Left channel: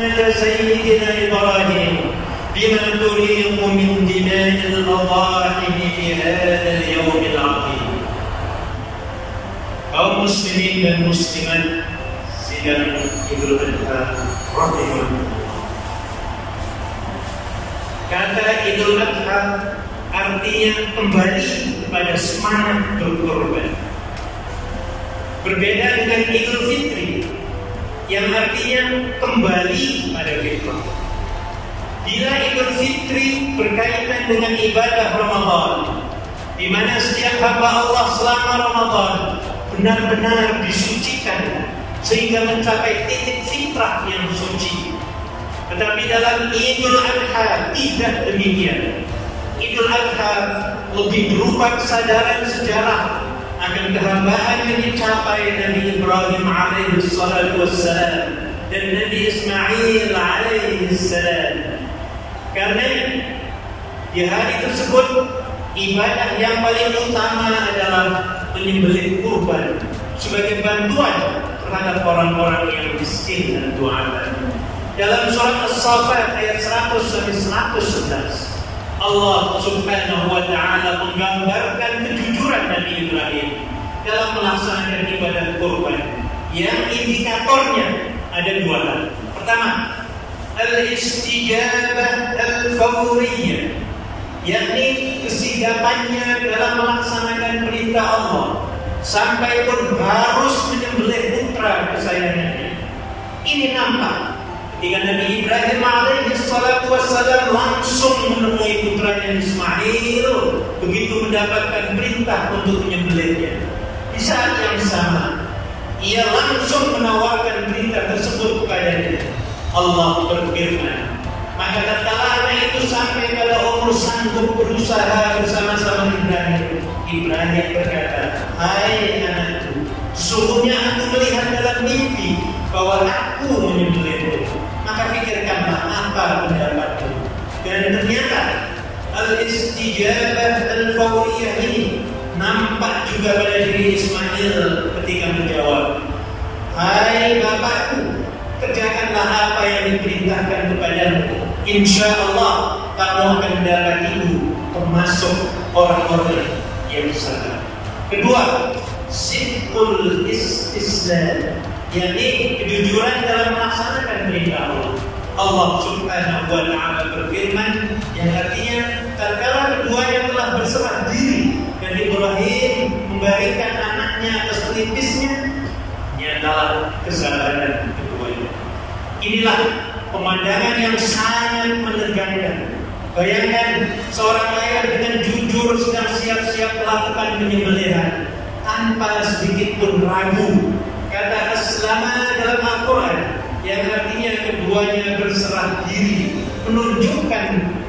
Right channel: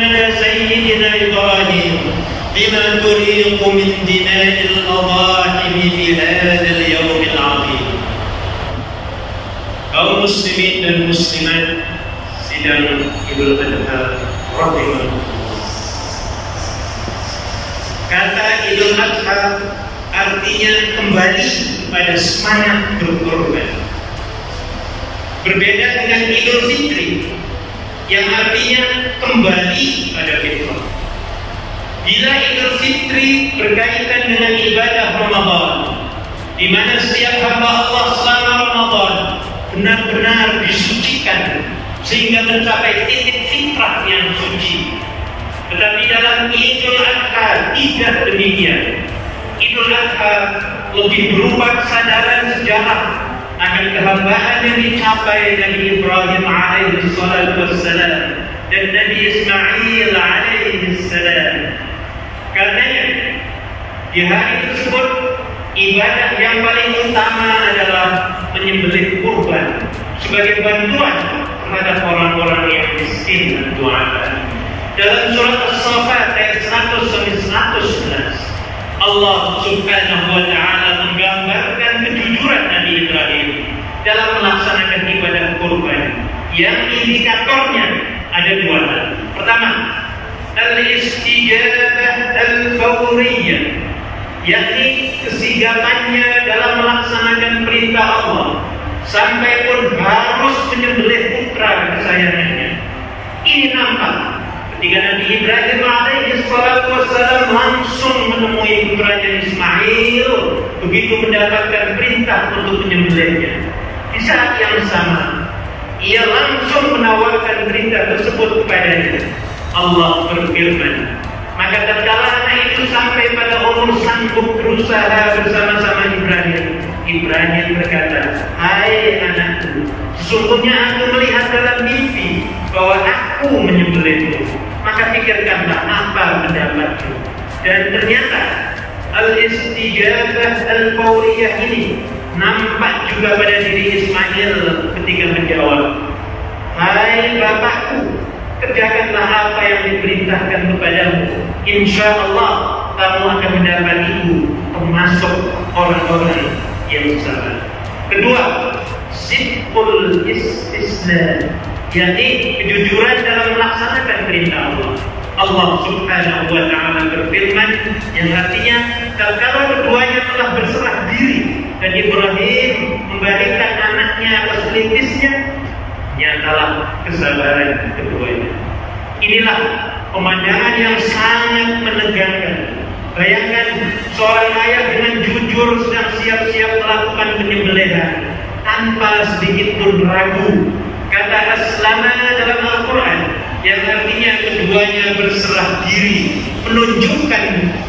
سيدنا إبراهيم بما تريق من دماء الأضاحي في هذا اليوم العظيم. Kaum muslimin dan muslimat sidang Idul Adha rahimahullah. Kata Idul Adha artinya kembali pada semangat berkorban. Berbeda dengan Idul Fitri yang artinya kembali pada fitrah. Bila Idul Fitri berkaitan dengan ibadah Ramadan, di mana setiap hamba Allah selama Ramadan benar-benar disucikan sehingga mencapai titik fitrah yang suci. Tetapi dalam Idul Adha tidak demikian. Idul Adha lebih berupa kesadaran sejarah akan kehambaan yang dicapai Nabi Ibrahim alaihi salatu wassalam dan Nabi Ismail alaihi salam. Karenanya di hari tersebut ibadah yang paling utama adalah menyembelih kurban sebagai bantuan terhadap orang-orang yang miskin dan duafa. Dalam surat As-Saffat ayat 100 sampai 111 Allah subhanahu wa ta'ala menggambarkan kejujuran Nabi Ibrahim dalam melaksanakan ibadah kurban yang indikatornya ada dua hal. Pertama, al-istijabah al-fawriyah, yakni kesigapannya dalam melaksanakan perintah Allah sampai pun harus menyembelih putra kesayangannya. Ini nampak ketika Nabi Ibrahim alaihi salatu wassalam langsung menemui putranya Ismail begitu mendapatkan perintah untuk menyembelihnya. Di saat yang sama ia langsung menawarkan perintah tersebut kepadanya. Allah berfirman, maka tatkala anak itu sampai pada umur sanggup berusaha bersama-sama Ibrahim, Ibrahim berkata, "Hai anakku, sesungguhnya aku melihat dalam mimpi bahwa aku menyembelihmu. Maka pikirkanlah apa pendapatmu." Dan ternyata al-istijabah al-fawriyah ini nampak juga pada diri Ismail ketika menjawab, "Hai bapakku, kerjakanlah apa yang diperintahkan kepadamu. Insya Allah kamu akan mendapat ibu termasuk orang-orang yang sabar." Kedua, sidqul istislam, yakni kejujuran dalam melaksanakan perintah Allah. Allah subhanahu wa ta'ala berfirman yang artinya tatkala keduanya telah berserah diri dan Ibrahim memberikan anaknya atas pelipisnya, nyatalah kesabaran keduanya. Inilah pemandangan yang sangat menegangkan. Bayangkan seorang ayah dengan jujur sedang siap-siap melakukan penyembelihan tanpa sedikit pun ragu. Kata aslama dalam Al-Quran yang artinya keduanya berserah diri menunjukkan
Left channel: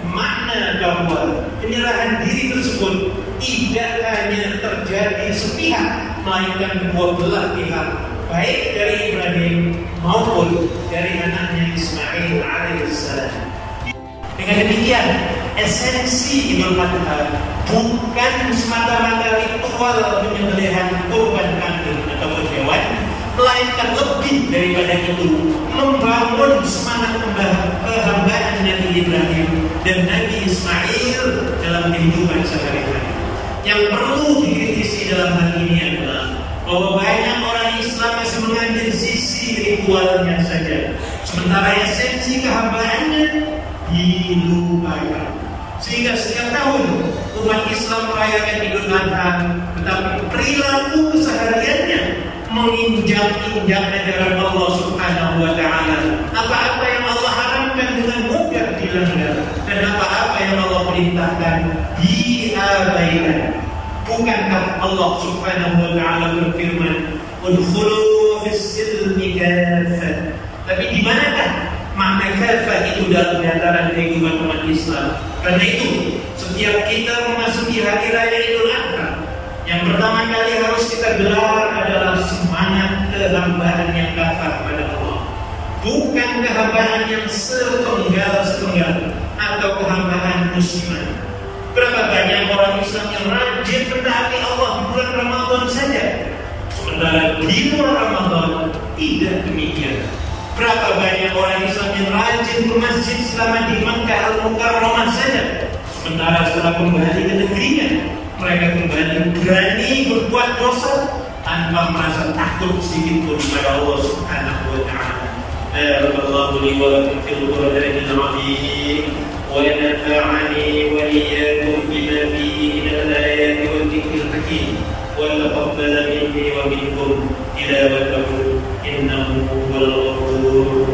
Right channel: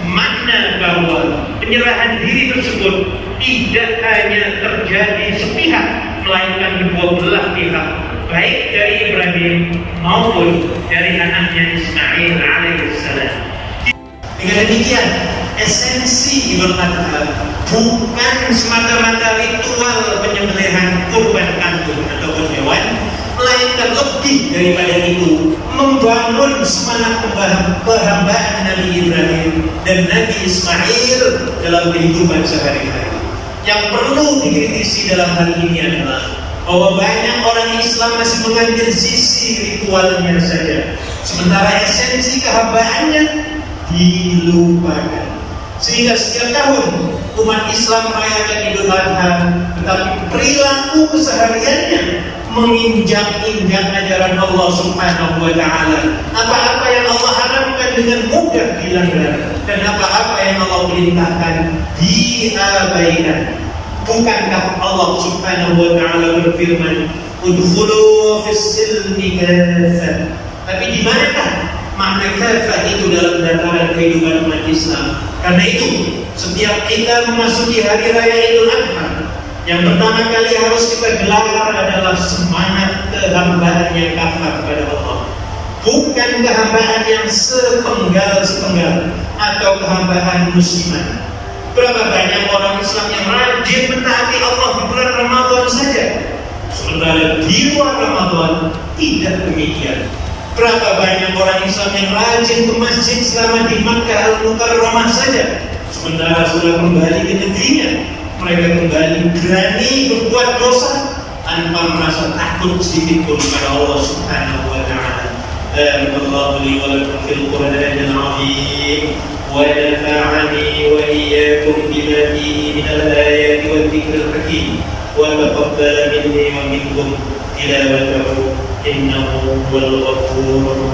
makna bahwa penyerahan diri tersebut tidak hanya terjadi sepihak melainkan kedua belah pihak, baik dari Ibrahim maupun dari anaknya Ismail alaihissalam. Dengan demikian, esensi Idul Adha bukan semata-mata ritual penyembelihan kurban kambing ataupun hewan, melainkan lebih daripada itu membangun semangat kehambaan Nabi Ibrahim dan Nabi Ismail dalam kehidupan sehari-hari. Yang perlu dikritisi dalam hal ini adalah bahwa banyak orang Islam masih mengambil sisi ritualnya saja, sementara esensi kehambaannya dilupakan. Sehingga setiap tahun umat Islam merayakan Idul Adha, tetapi perilaku kesehariannya menginjak-injak ajaran Allah subhanahu wa ta'ala. Apa-apa yang Allah haramkan dengan mudah dilanggar, dan apa-apa yang Allah perintahkan diabaikan. Bukankah Allah subhanahu wa ta'ala berfirman, "Udkhulu fis-silmi kaffah." Tapi di manakah makna kaffah itu dalam dataran kehidupan umat Islam? Karena itu setiap kita memasuki hari raya Idul Adha, yang pertama kali harus kita gelar adalah semangat kehambaan yang kafah kepada Allah. Bukan kehambaan yang sepenggal-sepenggal atau kehambaan musiman. Berapa banyak orang Islam yang rajin mentaati Allah di bulan Ramadan saja, sementara di luar Ramadan tidak demikian. Berapa banyak orang Islam yang rajin ke masjid selama di Makkah Al-Mukarramah saja, sementara setelah kembali ke negerinya mereka kembali berani berbuat dosa tanpa merasa takut sedikit pun pada Allah Subhanahu wa taala. Allahu li wa lakum fil Qur'anil azim wa nafa'ani wa iyyakum bima fihi min al-ayati wa dhikril hakim wa taqabbal minni wa minkum tilawatahu innahu huwal ghafurur